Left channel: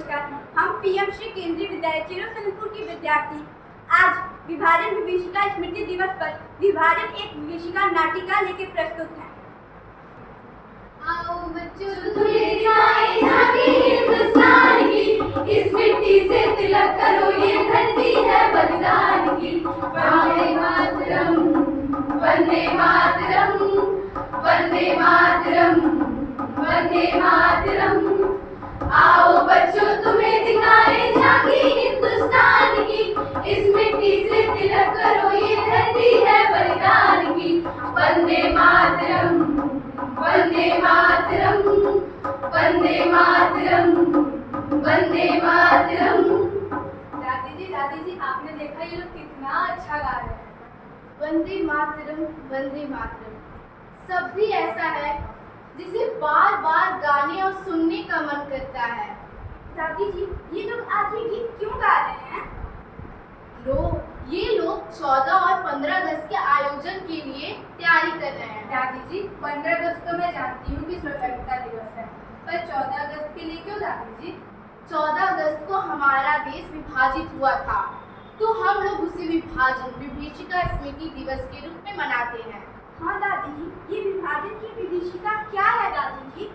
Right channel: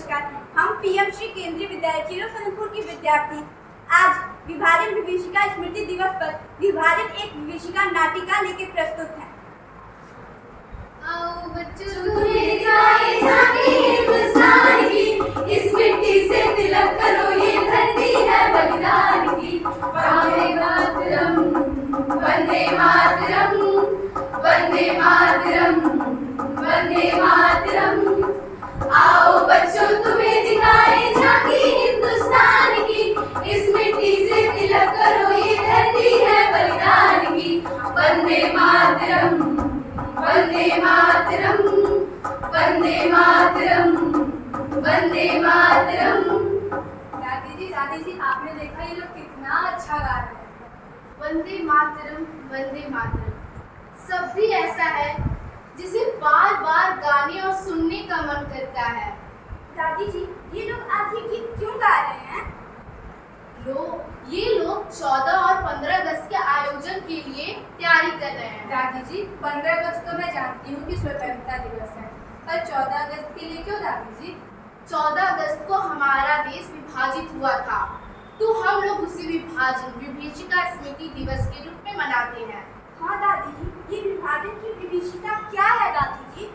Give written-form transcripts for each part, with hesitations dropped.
नमस्कार। हम पीएम श्री केंद्रीय विद्यालय चिरो सनपुर की विद्यार्थी आज विभाजन विभीषिका स्मृति दिवस पर विभाजन एक विभीषिका नाटिका लेके प्रस्तुत हैं। आओ बच्चों तुम्हें दिखाए झांकी हिंदुस्तान की, इस मिट्टी से तिलक करो ये धरती है बलिदान की। वंदे मातरम वंदे मातरम वंदे मातरम वंदे मातरम। आओ बच्चों तुम्हें दिखाए झांकी हिंदुस्तान की, इस मिट्टी से तिलक करो ये धरती है बलिदान की। वंदे मातरम वंदे मातरम वंदे मातरम वंदे मातरम। दादी जी आपने देखा ये लोग कितना अच्छा गा रहे हैं। वंदे मातरम शब्द ही ऐसा है जिसे बार बार गाने और सुनने का मन करता है। दादी जी ये लोग आज ये गीत क्यों गा रहे हैं? ये लोग 14 और 15 अगस्त के आयोजन के लिए तैयारी कर रहे हैं। दादी जी 15 अगस्त तो मैं जानती हूँ कि स्वतंत्रता दिवस है, पर 14 अगस्त के लिए क्यों दादी जी? 14 अगस्त को हमारा देश विभाजित हुआ था, तो हम लोग उसे विभीषिका स्मृति दिवस के रूप में मनाते हैं। हाँ दादी जी, ये विभाजन की विभीषिका क्या है दादी जी?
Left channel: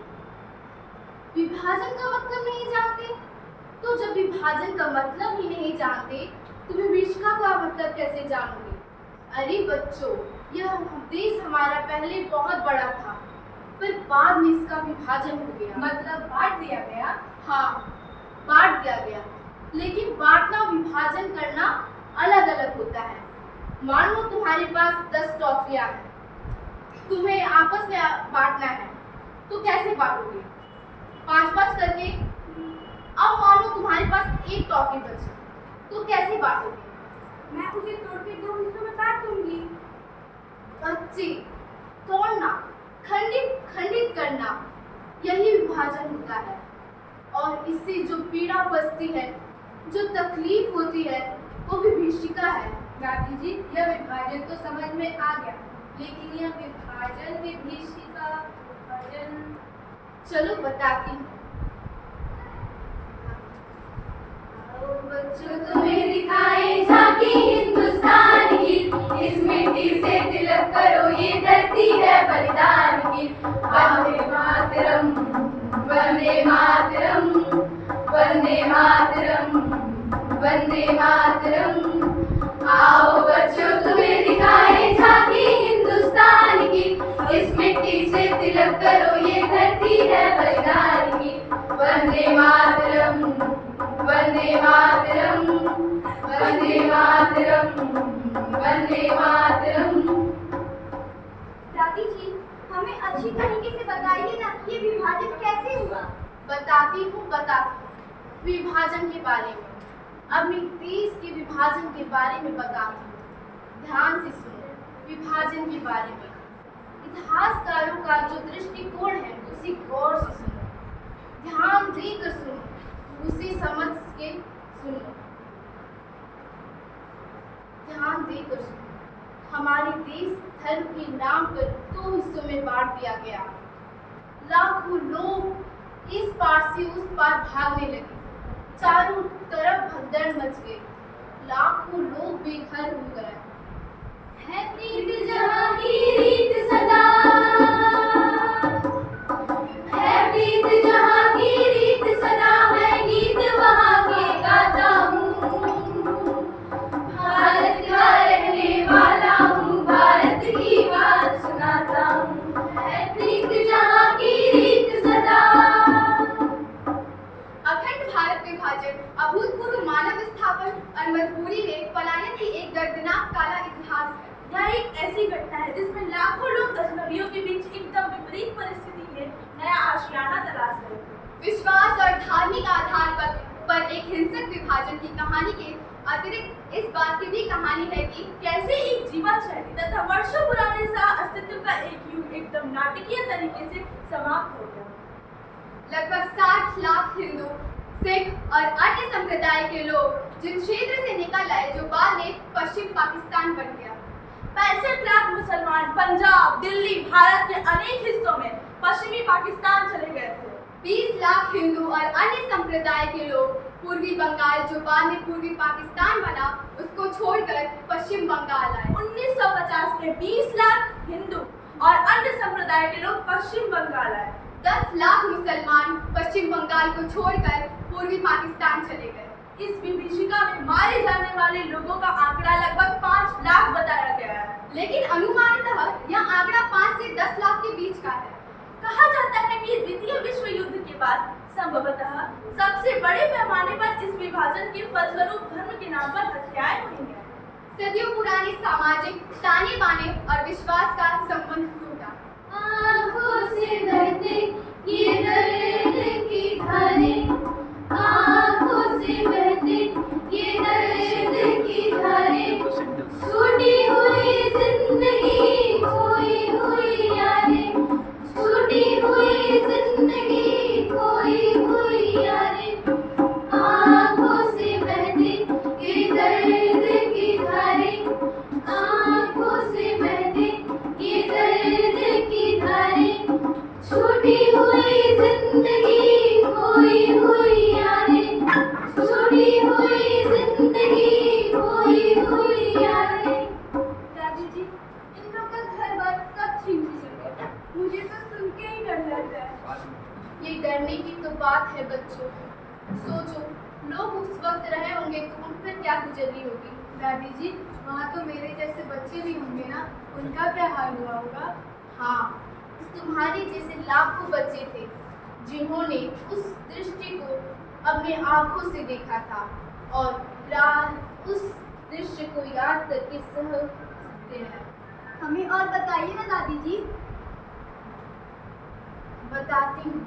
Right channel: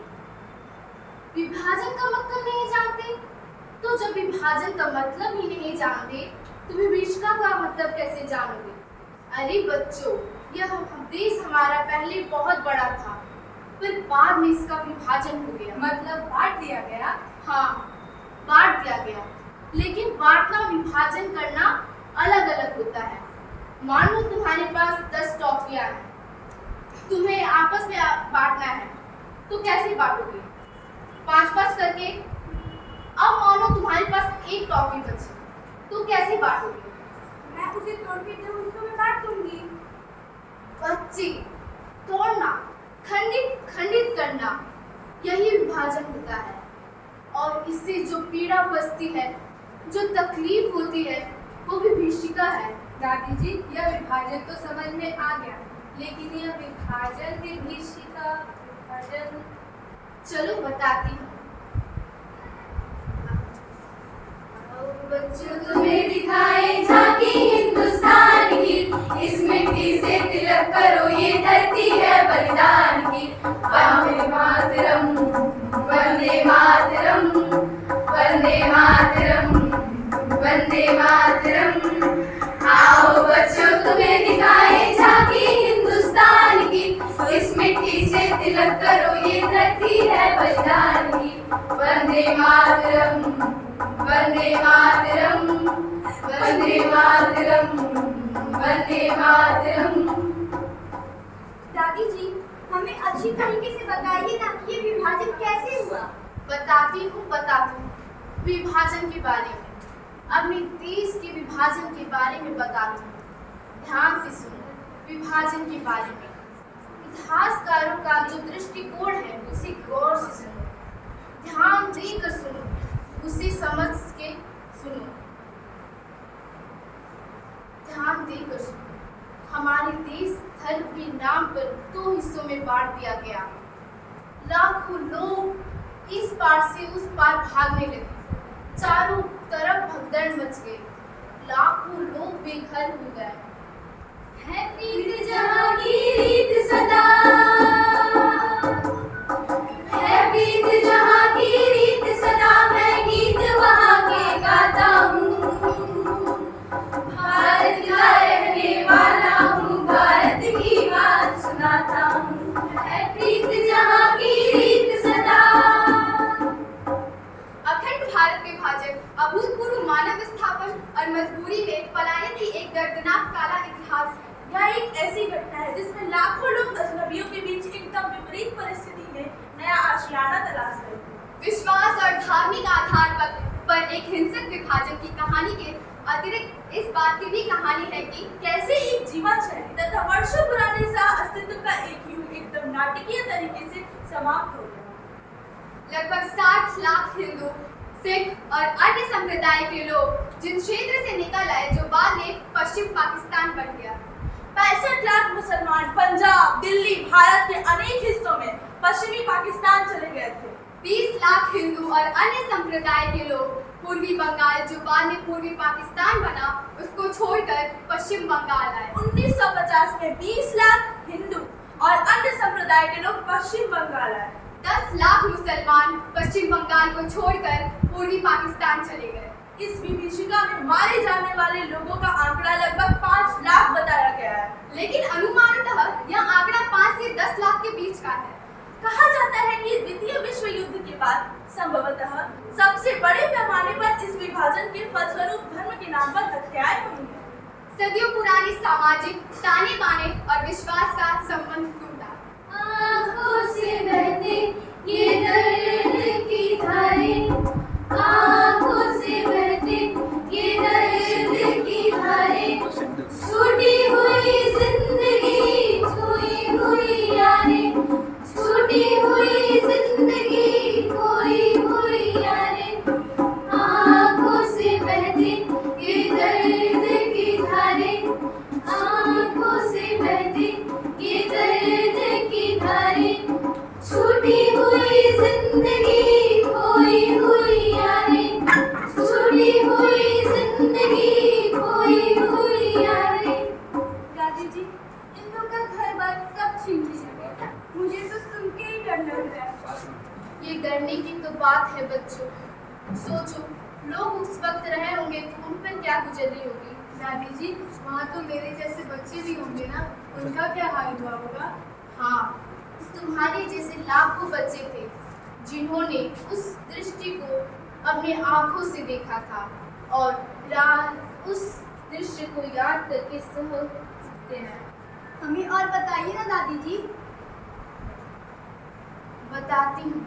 विभाजन का मतलब नहीं जानते? तो जब विभाजन का मतलब ही नहीं जानते तो विभीषिका का मतलब कैसे जानोगे? अरे बच्चों, यह देश हमारा पहले बहुत बड़ा था, पर बाद में इसका विभाजन हो गया। मतलब बांट दिया गया? हाँ, बांट दिया गया। लेकिन बांटना विभाजन करना अलग अलग होता है। मान लो तुम्हारे पास 10 टॉफियां हैं, तुम्हें आपस में बांटना है, तो कैसे बांटोगे? 5-5 करके। अब मानो तुम्हारे पास एक टॉफी बची, तो कैसे बांटोगे? मैं उसे तोड़ के 2 हिस्सों में बांट दूंगी। बच्चे, तोड़ना, खंडित करना, यही विभाजन होता है। और इससे जो पीड़ा बचती है, जो तकलीफ होती है, वो विभीषिका है। दादी जी यह विभाजन तो समझ में आ गया, लेकिन यह विभीषिका चलो बताती हूँ। बच्चों तुम्हें दिखाए झांकी हिंदुस्तान की, इस मिट्टी से तिलक करो ये धरती है बलिदान की। वंदे मातरम वंदे मातरम वंदे मातरम वंदे मातरम। आओ बच्चों तुम्हें दिखाए झांकी हिंदुस्तान की, इस मिट्टी से तिलक करो ये धरती है बलिदान की। वंदे मातरम वंदे मातरम वंदे मातरम वंदे मातरम। दादी जी हमें अच्छी तरीके से बताइए ना कि ये विभाजन कैसे हुआ? बताती हूँ विभाजन के बारे में, अपने देश के विभाजन के बारे में बताती हूँ। ध्यान से सुनो विभाजन के बारे में। इतिहासकारों का जो दृष्टिकोण है उसे गौर से सुनो, ध्यान देकर सुनो, उसे समझ के सुनो, ध्यान देकर सुनो। हमारे देश धर्म के नाम पर 2 हिस्सों में बांट दिया गया। लाखों लोग इस पार से उस पार भागने लगे, चारों तरफ भगदड़ मच गई, लाखों लोग बेघर हो गए। है प्रीत जहाँ की रीत सदा, है प्रीत जहाँ की रीत सदा, मैं गीत वहाँ के गाता हूँ। भारत का रहने वाला हूँ, भारत की बात सुनाता हूँ। है प्रीत जहाँ की रीत सदा। अखंड भारत विभाजन अभूतपूर्व मानव विस्थापन और मजबूरी में पलायन की एक दर्दनाक काला इतिहास है। यह एक ऐसी घटना है जिसमें लाखों लोग अजनबियों के बीच एकदम विपरीत परिस्थिति में नया आशियाना तलाश रहे थे। विश्वास और धार्मिक आधार पर एक हिंसक विभाजन की कहानी के अतिरिक्त इस बात की भी कहानी है कि कैसे एक जीवन शैली तथा वर्षों पुराने सह अस्तित्व का एक युग एकदम नाटकीय तरीके से समाप्त हो गया। लगभग 60 लाख हिंदू, सिख और अन्य संप्रदाय के लोग जिन क्षेत्र से निकल आए, जो बाद में पश्चिम पाकिस्तान बन गया। 65 लाख मुसलमान पंजाब, दिल्ली, भारत के अनेक हिस्सों में पश्चिमी पाकिस्तान चले गए थे। 20 लाख हिंदू और अन्य संप्रदाय के लोग पूर्वी बंगाल, जो बाद में पूर्वी पाकिस्तान बना, उसको छोड़कर पश्चिम बंगाल आए। 1950 में 20 लाख हिंदू और अन्य संप्रदाय के लोग पश्चिम बंगाल आए। 10 लाख मुसलमान पश्चिम बंगाल को छोड़कर पूर्वी पाकिस्तान चले गए। इस विभीषिका में मारे जाने वाले लोगों का आंकड़ा लगभग 5 लाख बताया गया है, लेकिन अनुमानतः यह आंकड़ा 5 से 10 लाख के बीच का है। कहा जाता है कि द्वितीय विश्व युद्ध के बाद संभवतः सबसे बड़े पैमाने पर इस विभाजन के फलस्वरूप धर्म के नाम पर हत्याएं हुई हैं। सदियों पुरानी सामाजिक ताने बाने और विश्वास का संबंध टूटा। आँखों से बहते ये दर्द की धारें, आँखों से बहते ये दर्द की धारें, छूटी हुई जिंदगी, खोई हुई यादें, छूटी हुई जिंदगी, खोई हुई यादें, आँखों से बहते ये दर्द की धारें, आँखों से बहते ये दर्द की धारें, छूटी हुई जिंदगी, खोई हुई यादें, छूटी हुई जिंदगी, खोई हुई यादें। दादी जी, इन लोग का घर बार कब छीन लीजिएगा? मुझे तो सुन के ही डर लग रहा है। ये डरने की तो बात है बच्चों। सोचो, लोग उस वक्त रहे होंगे तो उन पर क्या गुजरी होगी। दादी जी, वहाँ तो मेरे जैसे बच्चे भी होंगे ना, उनका क्या हाल हुआ होगा? हाँ, तुम्हारे जैसे लाखों बच्चे थे जिन्होंने उस दृष्टि को अपने आंखों से देखा था और रात उस दृश्य को याद करके सह सकते हैं। हमें और बताइए ना दादी जी। बताती हूँ,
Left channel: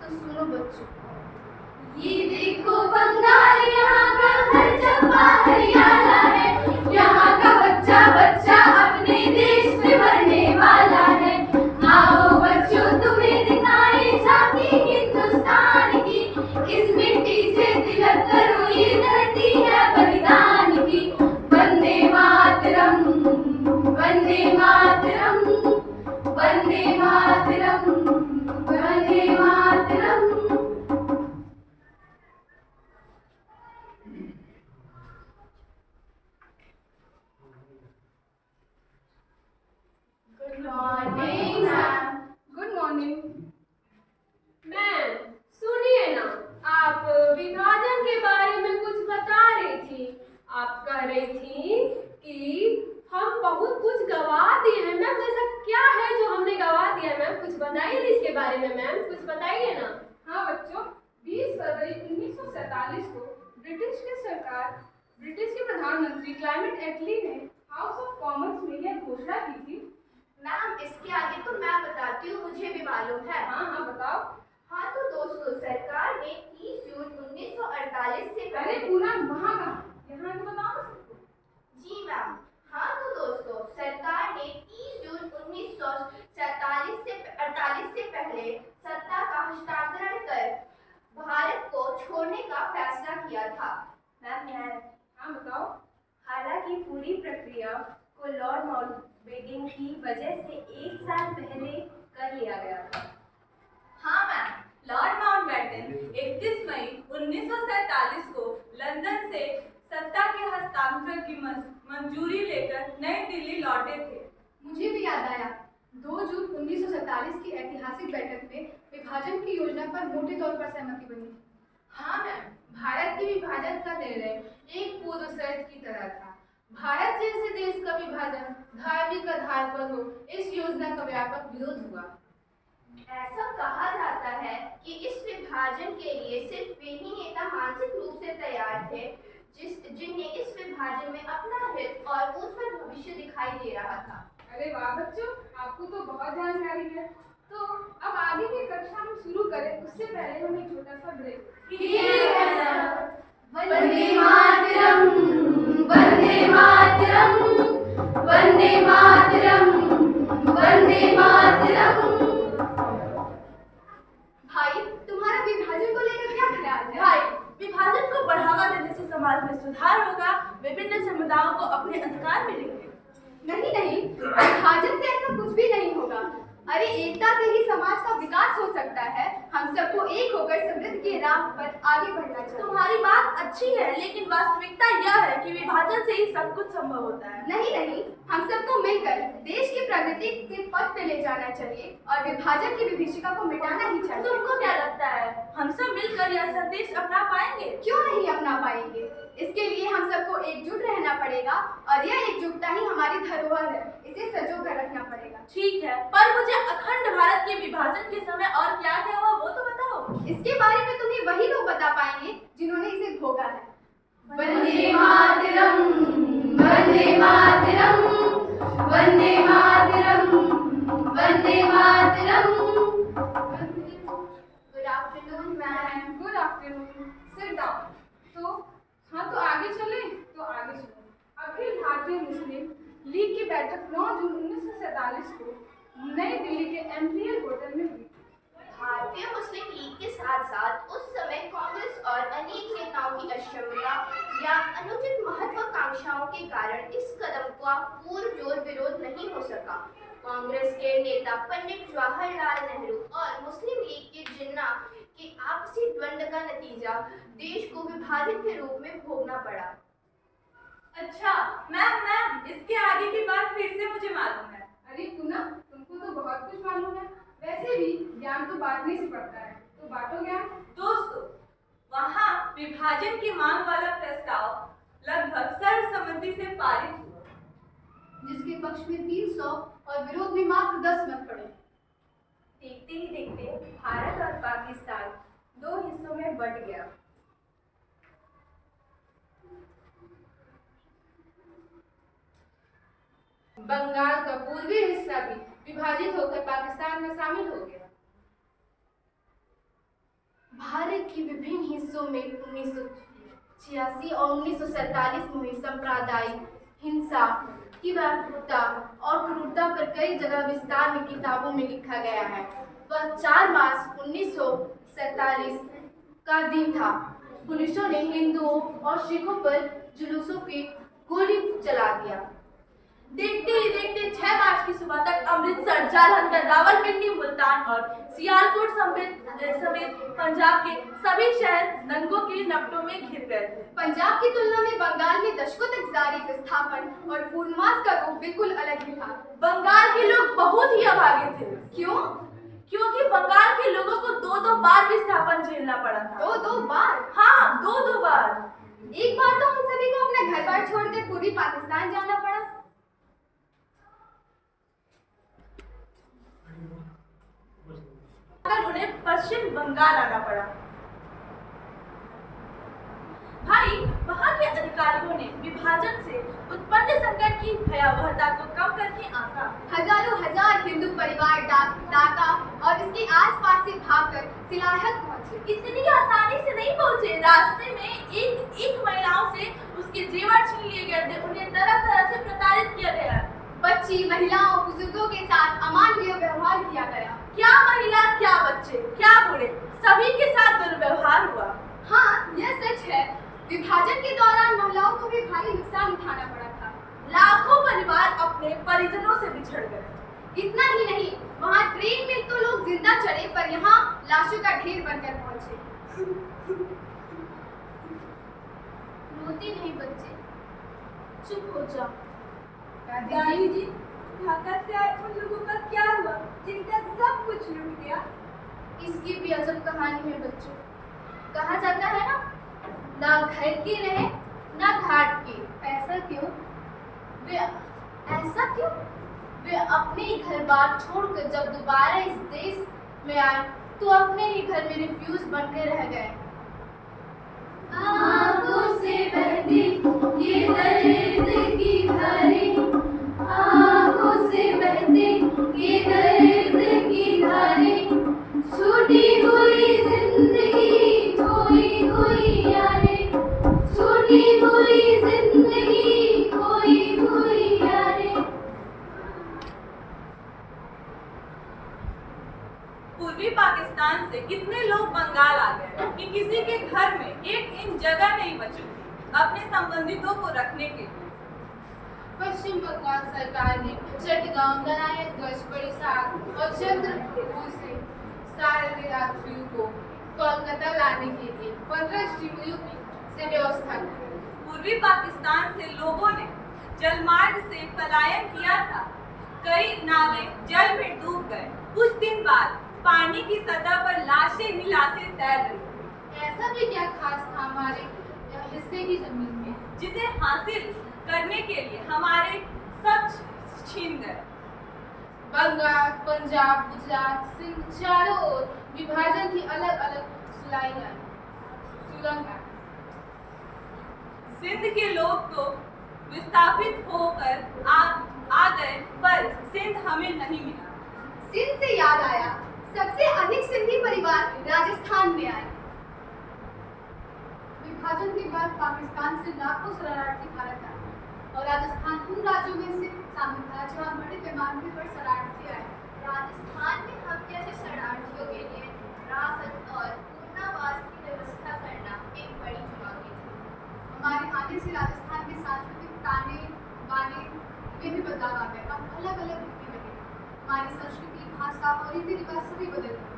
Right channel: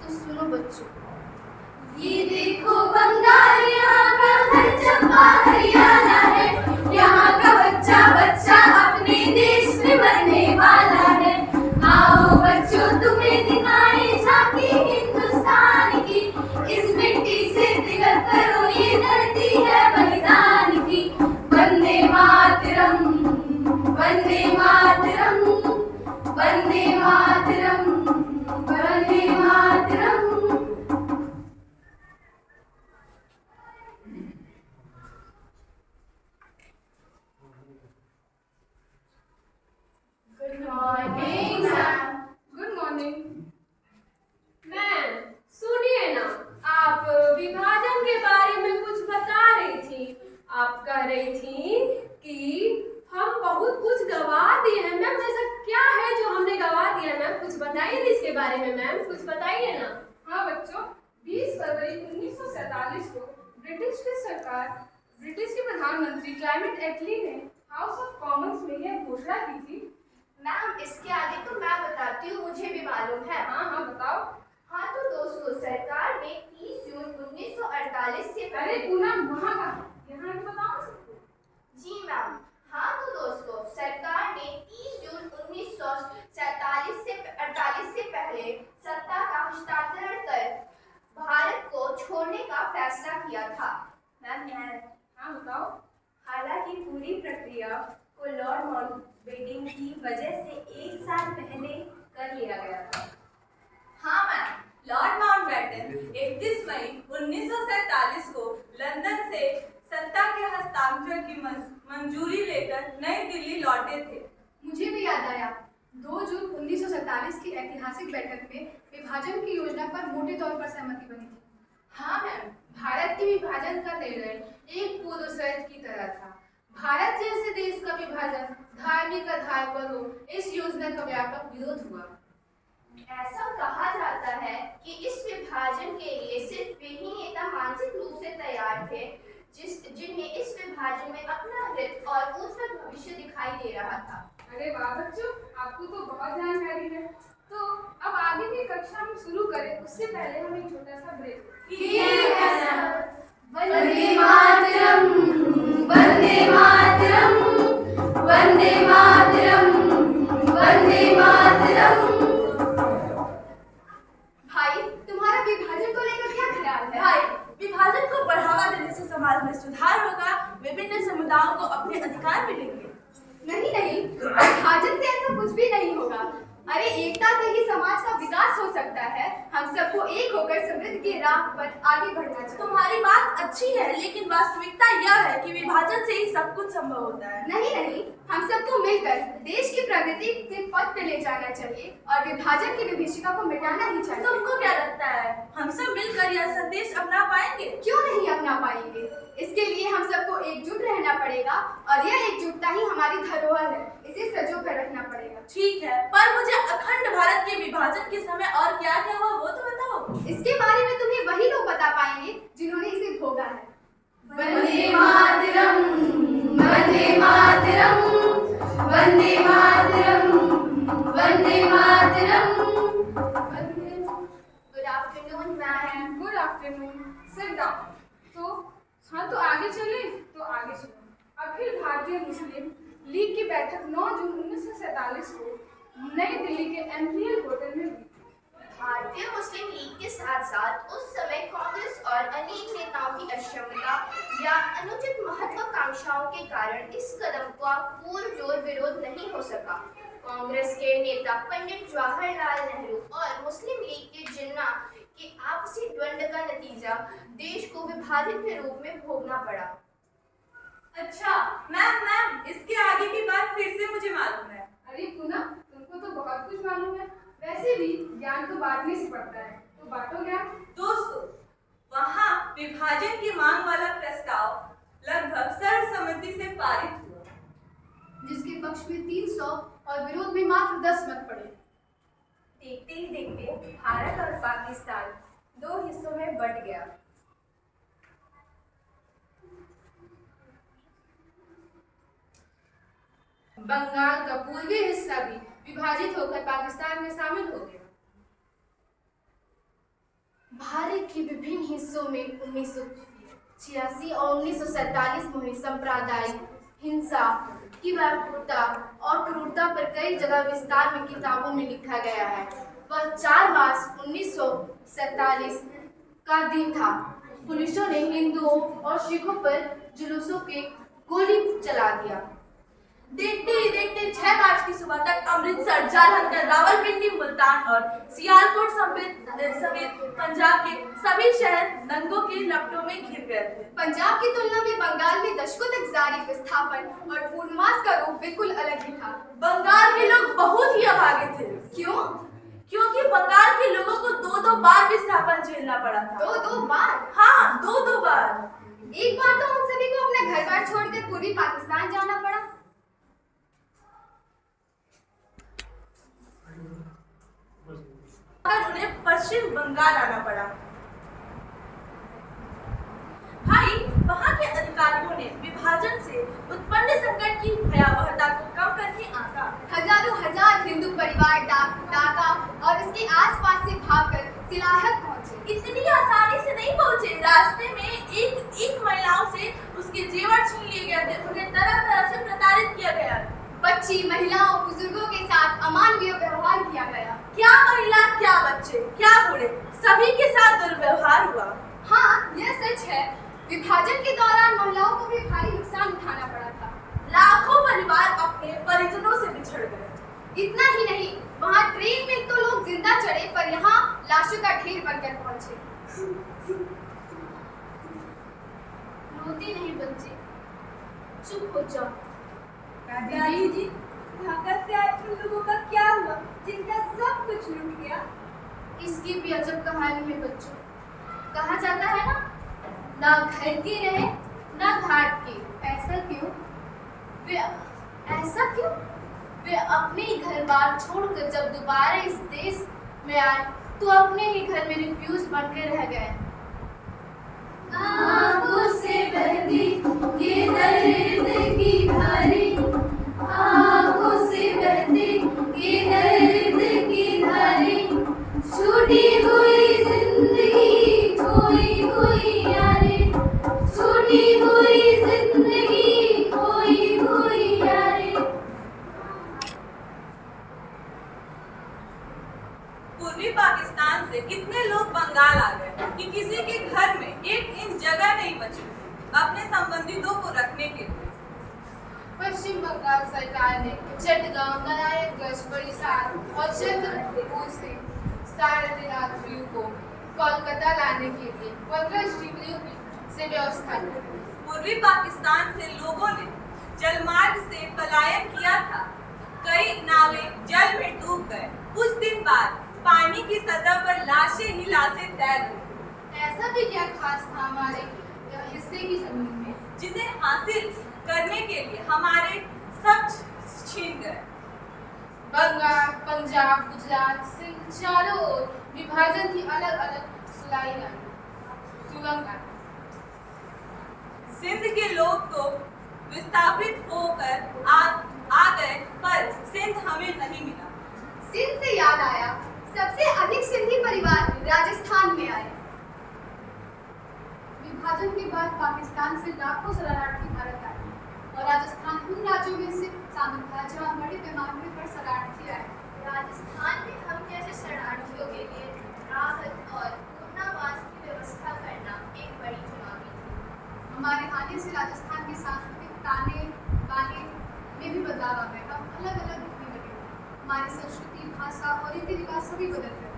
तो सुनो बच्चों। ये देखो बंगाल, यहाँ का हर चंपा हरियाणा है, यहाँ का बच्चा बच्चा अपने देश में मरने वाला है। आओ बच्चों तुम्हें दिखाएं झांकी हिंदुस्तान की, इस मिट्टी से तिलक करो ये धरती है बलिदान की। Vande Mataram, Vande Mataram, Vande Mataram, Vande Mataram. Good morning ma'am. Good morning. Ma'am सुनिए ना, आप विभाजन के बारे में कुछ बता रही थी। आप कह रही थी कि हम बहुत कुछ गवा दिए हैं। मैम ऐसा क्या है जो हमने गवा दिया? मैम कुछ बताइए ना इसके बारे में। मैम कुछ बताइए ना। हाँ बच्चों, 20 फरवरी 1947 को ब्रिटिश के प्रधानमंत्री क्लाइमेट एटली ने हाउस ऑफ कॉमन्स में यह घोषणा की थी। मैम इसके आगे तो मैं बताती हूँ, मुझे भी मालूम है। हाँ बताओ। हाँ तो दोस्तों, सरकार ने 30 जून 1948 से अरे पूनम, वहाँ कहाँ, यहाँ तो बताओ ना सबको। जी मैम। हाँ तो दोस्तों, सरकार ने 30 जून 1947 से 48 से पहले सत्ता का हस्तांतरण कर भारत को छोड़ने का फैसला किया था। मैम, हाँ बताओ। हालांकि पूरी प्रक्रिया को लॉर्ड माउंटबेटन की वजह से 1 साल पहले कर लिया गया था। हाँ मैम, लॉर्ड माउंटबेटन 31 मई 1947 को लंदन से सत्ता के हस्तांतरण की मंजूरी लेकर नई दिल्ली लौटे थे। मुझे भी याद आया, 2 जून 1947 की ऐतिहासिक बैठक में विभाजन की योजना पर मोटे तौर पर सहमति बनी थी। हाँ मैम, भारत के विभाजन का निर्णय एक पूर्व शर्त की तरह था। भारत जैसे देश का विभाजन धार्मिक आधार पर हो, इस योजना का व्यापक विरोध हुआ। ऐसा कहा जाता है कि इस विभाजन के लिए सिर्फ वे ही नेता मानसिक रूप से तैयार थे जिन्हें इस विभाजन में अपना हित और उज्जवल भविष्य दिखाई दे रहा था। अरे वाह बच्चों, आपको तो बहुत जानकारी है। तो अब आगे की कक्षा हम शुरू करें उससे पहले हम एक छोटा सा ब्रेक। ठीक है सर। वंदे मातरम, वंदे मातरम, वंदे मातरम, वंदे मातरम। भाई, तुम्हारा विभाजन को लेकर क्या ख्याल है? भाई, विभाजन को बढ़ावा देने से समाज में सुधार होगा, विभिन्न समुदायों को अपने अधिकार मिलेंगे। नहीं, विभाजन से ऐसा कुछ भी नहीं होगा। अरे एकता से ही समाज का विकास हो सकता है। हम सबको एक होकर समृद्धि की राह पर आगे बढ़ना चाहिए। तुम्हारी बात अच्छी है, लेकिन वास्तविकता यह है कि विभाजन से ही सब कुछ संभव होता है। नहीं नहीं, हम सबको मिलकर देश की प्रगति के पथ पे ले जाना चाहिए और विभाजन की विभीषिका को मिटाना ही चाहिए। तुमको क्या लगता है, हम सब मिलकर यह संदेश अपना पाएंगे? क्यों नहीं अपना पाएंगे? इसके लिए हम सबको एकजुट रहना पड़ेगा और यह एकजुटता ही हमारी धरोहर है। इसे संजो कर रखना पड़ेगा। ठीक है, पर मुझे अखंड भारत के विभाजन के समय और क्या क्या हुआ वो तो बताओ। इसके बारे में तुम्हें वही लोग बता पाएंगे जिन्होंने इसे भोगा है। Vande Mataram, Vande Mataram, Vande Mataram, Vande Mataram. Good afternoon ma'am. Good afternoon, sit down. तो आगे चले अखिल भारतीय मुस्लिम लीग की बैठक 9 जून 1947 को नई दिल्ली के एम्पियर होटल में हुई। भारतीय मुस्लिम लीग के साथ साथ उस समय कांग्रेस और अनेक नेताओं की अक्षमता या अनुचित महत्वाकांक्षाओं के कारण इस कदम का पुरजोर विरोध नहीं हो सका। कांग्रेस के नेता पंडित जवाहरलाल नेहरू और मुस्लिम लीग के जिन्ना के आपसी द्वंद्व का नतीजा देश को विभाजन के रूप में भोगना पड़ा। अच्छा मैम, इसके आगे की बात फिर से मुझे मालूम है। अरे पूनम, तुमको तो बहुत कुछ मालूम है। वैसे भी ज्ञान तो बांटने से पड़ता है, तो बांटो ज्ञान। दोस्तों, वहाँ विभाजन की मांग वाला प्रस्ताव लगभग सर्वसम्मति से पारित हुआ, जिसके पक्ष में 300 और विरोध में मात्र 10 मत पड़े। देखते ही देखते भारत और पाकिस्तान 2 हिस्सों में बंट गया। बंगाल का पूर्वी हिस्सा भी विभाजित होकर पाकिस्तान में शामिल हो गया। भारत के विभिन्न हिस्सों में 1986 और 1947 में सांप्रदायिक हिंसा की व्यापकता और क्रूरता पर कई जगह विस्तार में किताबों में लिखा गया है। वह 4 मार्च 1947 का दिन था। पुलिसों ने हिंदुओं और सिखों पर जुलूसों के गोली चला दिया। देखते ही देखते 6 मार्च की सुबह तक अमृतसर, जालंधर, रावलपिंडी, मुल्तान और सियालकोट समेत पंजाब के सभी शहर दंगों के लपटों में घिर गए थे। पंजाब की तुलना में बंगाल में दशकों तक जारी विस्थापन और पूर्णमास का रूप बिल्कुल अलग ही था। बंगाल के लोग बहुत ही अभागे थे। क्यों? क्योंकि बंगाल के लोगों को 2-2 बार विस्थापन झेलना पड़ा था। 2-2 बार? हाँ, 2-2 बार। एक बार तो उन सभी को अपने घर बार छोड़कर पूर्वी पाकिस्तान जाना पड़ा। उन्हें पश्चिम बंगाल आना पड़ा। भाई, वहाँ के अधिकारियों ने विभाजन से उत्पन्न संकट की भयावहता को कम करके आंका। हजार हिंदू परिवार ढाका और इसके आसपास से भागकर सिलाहट पहुंचे। इतनी आसानी से नहीं पहुंचे। रास्ते में एक महिलाओं से उसके जेवर छीन लिए गए थे। उन्हें तरह तरह से प्रताड़ित किया गया। बच्ची, महिलाओं, बुजुर्गों के साथ अमानवीय व्यवहार किया गया। क्या महिला, क्या बच्चे, क्या बूढ़े, सभी के साथ दुर्व्यवहार हुआ। हाँ, यह सच है। विभाजन के दौरान महिलाओं को भी भारी नुकसान उठाना पड़ा था। लाखों परिवार अपने परिजनों से बिछड़ गए। इतना ही नहीं, वहाँ ट्रेन में तो लोग जिंदा चढ़े, पर यहाँ लाशों का ढेर बनकर पहुंचे। रोती नहीं बच्चे, चुप हो जाओ। दादी जी, ढाका से आए उन लोगों का क्या हुआ जिनका सब कुछ लूट गया? इसकी भी अजब कहानी है बच्चों। कहा जाता है ना घर की रहे ना घाट की। ऐसा क्यों? वे अपने ही घर बार छोड़कर जब दोबारा इस देश में आए तो अपने ही घर में रिफ्यूज बनकर रह गए। आँखों से बहती ये दर्द की धारें, आँखों से बहती ये दर्द की धारें, छूटी हुई जिंदगी, खोई हुई यादें, छूटी हुई जिंदगी, खोई हुई यादें। पूर्वी पाकिस्तान से कितने लोग बंगाल आ गए कि किसी के घर में 1 इंच जगह नहीं बची थी अपने संबंधितों को रखने के लिए। पश्चिम बंगाल सरकार ने चटगांव, नारायणगंज, परिसार और चंद्रपुर से सारे यात्रियों को कोलकाता लाने के लिए 15 स्टीमरों से व्यवस्था की। पूर्वी पाकिस्तान से लोगों ने जलमार्ग से पलायन किया था। कई नावें जल में डूब गए। कुछ दिन बाद पानी की सतह पर लाशें ही लाशें तैर रही। ऐसा भी क्या खास था हमारे हिस्से की जमीन में जिसे हासिल करने के लिए हमारे सब छीन गए। बंगाल, पंजाब, गुजरात, सिंध चारों ओर विभाजन की अलग अलग सुलंग आई। सिंध के लोग तो विस्थापित होकर आ गए, पर सिंध हमें नहीं मिला। सिंध से याद आया, सबसे अधिक सिंधी परिवार राजस्थान में आए। विभाजन के बाद पाकिस्तान से लाखों शरणार्थी भारत आए और राजस्थान उन राज्यों में से शामिल था जहां बड़े पैमाने पर शरणार्थी आए। राजस्थान में हम जैसे शरणार्थियों के लिए राहत और पुनर्वास की व्यवस्था करना एक बड़ी चुनौती थी। हमारे आने से राजस्थान के सांस्कृतिक ताने बाने में भी बदलाव आ गए। हम अलग अलग दिखने लगे। हमारी संस्कृति, भाषा और रीति रिवाज सभी बदल गए।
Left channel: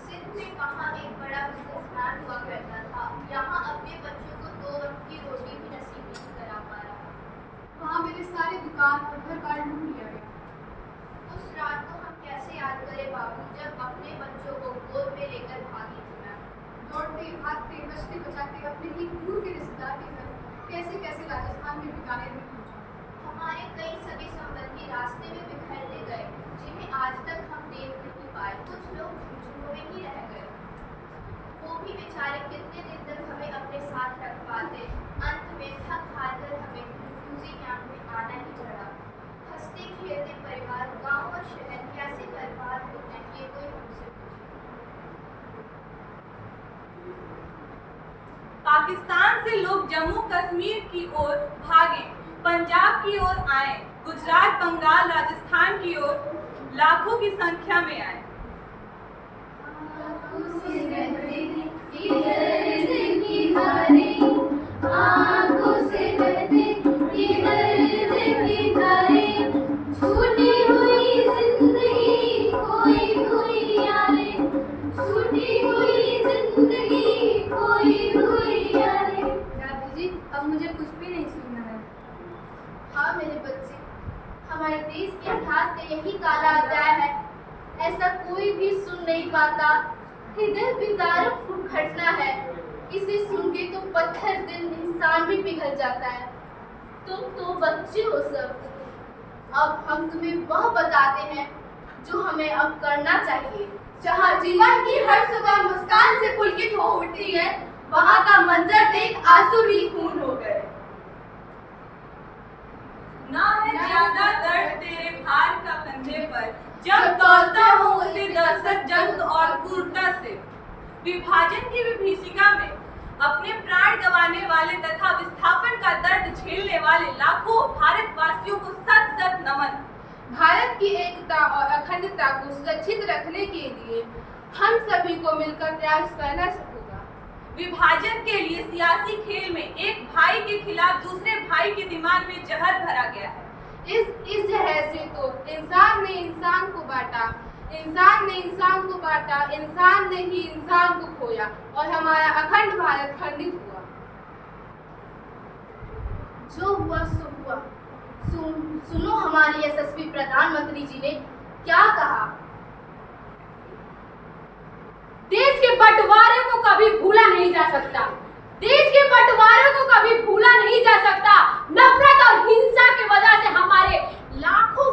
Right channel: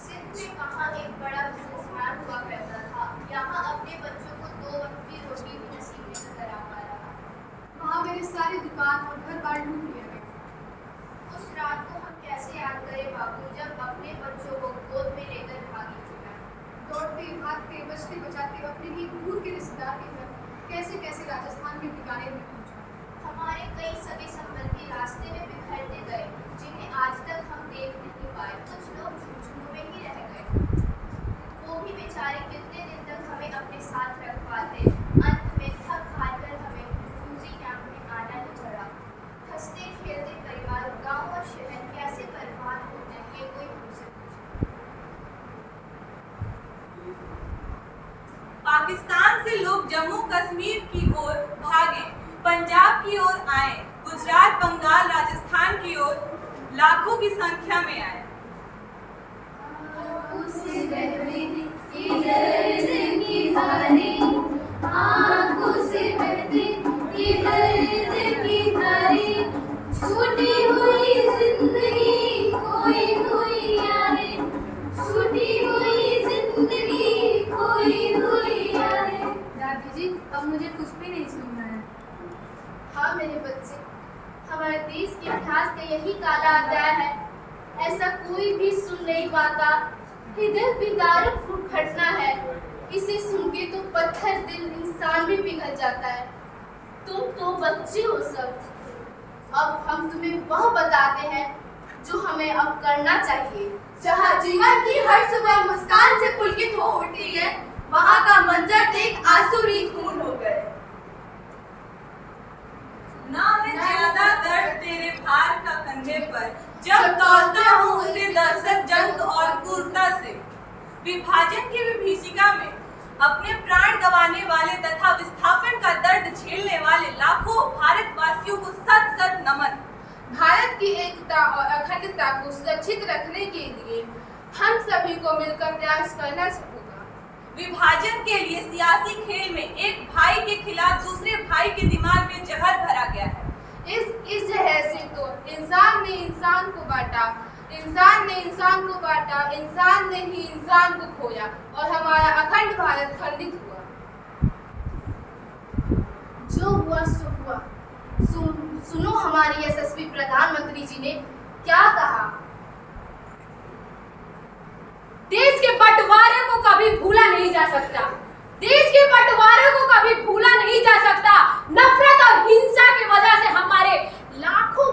सिंध में कहाँ एक बड़ा बिजनेसमैन हुआ करता था, यहाँ अपने बच्चों को 2 वक्त की रोटी भी नसीब नहीं करा पा रहा। वहाँ मेरे सारे दुकान और घर बार लूट लिया गया। उस रात को हम कैसे याद करें बाबू, जब अपने बच्चों को गोद में लेकर भागी थी मैं। दौड़ते भागते बचते बचाते अपने ही दूर के रिश्तेदार के घर कैसे कैसे राजस्थान के बीकानेर में पहुंचा। हमारे कई सगे संबंधी रास्ते में बिखरते गए, जिन्हें आज तक हम देख नहीं पाए। कुछ लोग झुंझुनों में ही रह गए। वो भी बेचारे कितने दिन तक हमें अपने साथ रख पाते। अंत में थक हार कर हमें रिफ्यूजी कैंप में आना ही पड़ा। हंसते खेलते परिवार, गांव और शहर कैसे बर्बाद हो गए, ये कोई हमसे पूछे। पाकिस्तान से लोग जम्मू कश्मीर की ओर भागे, पंजाब की ओर आए, गुजरात, बंगाल, राजस्थान की ओर लाखों की संख्या में आए। आँखों से बहती ये दर्द की धारें, आँखों से बहती ये दर्द की धारें, छूटी हुई जिंदगी खोई हुई यादें, छूटी हुई जिंदगी खोई हुई यादें। दादी जी, अब मुझे कुछ भी नहीं सुनना है। हाँ मेरे बच्चे, हमारे देश के इतिहास का यही काला अध्याय है। ऐसा कोई भी सुन नहीं पाता। हृदय विदारक घटना है। इसे सुन के तो पत्थर दिल इंसान भी पिघल जाता है। तुम तो बच्चे हो सब। अब हम तुम्हें वह बताते हैं जो हमें अब करना चाहिए। जहाँ जीवन की हर सुबह मुस्कान से पुलकित हो उठती है, वहाँ का मंजर देख आंसू ही खून हो गए। ना है ज्यादा दर्द तेरे भार का कंधे पर, जब तौलता हूँ उसे दहशत जंग और क्रूरता से। विभाजन की विभीषिका में अपने प्राण गंवाने वाले तथा विस्थापन का दर्द झेलने वाले लाखों भारतवासियों को सत सत नमन। भारत की एकता और अखंडता को सुरक्षित रखने के लिए हम सभी को मिलकर प्रयास करना होगा। विभाजन के लिए सियासी खेल में एक भाई के खिलाफ दूसरे भाई के दिमाग में जहर भरा गया है। इस जहर से तो इंसान ने इंसान को बांटा, इंसान ने इंसान को बांटा, इंसान ने ही इंसान को खोया और हमारा अखंड भारत खंडित हुआ। जो हुआ सो हुआ। सुनो हमारे यशस्वी प्रधानमंत्री जी ने क्या कहा। देश के बंटवारे को कभी भूला नहीं जा सकता। देश के बंटवारे को कभी भूला नहीं जा सकता। नफरत और हिंसा की वजह से हमारे लाखों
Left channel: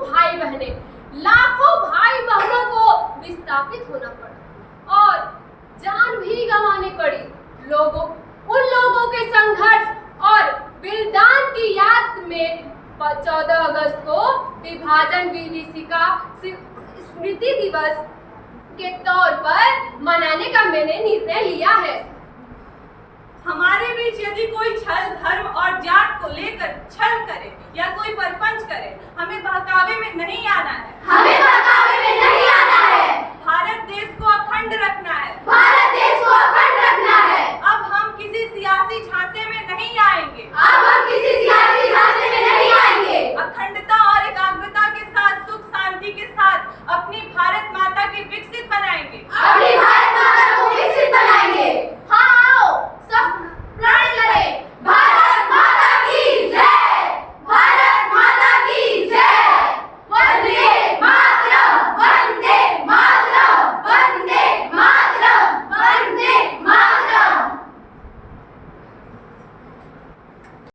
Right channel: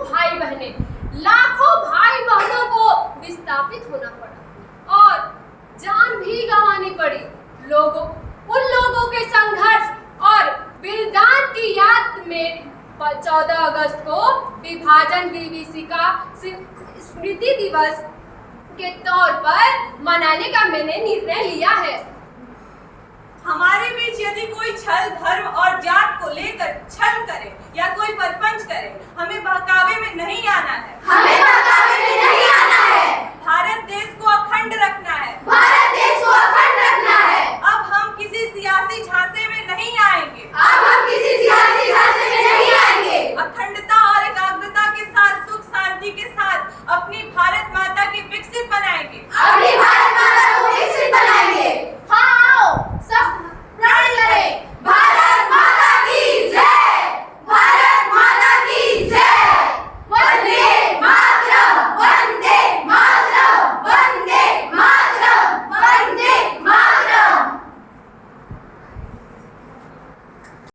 भाई बहनों को विस्थापित होना पड़ा और जान भी गंवानी पड़ी। उन लोगों के संघर्ष और बलिदान की याद में 14 अगस्त को विभाजन विभीषिका स्मृति दिवस के तौर पर मनाने का मैंने निर्णय लिया है। हमारे बीच यदि कोई छल, धर्म और जात को लेकर छल करे या कोई परपंच करे, हमें बहकावे में नहीं आना है। हमें बहकावे में नहीं आना है। भारत देश को अखंड रखना है। भारत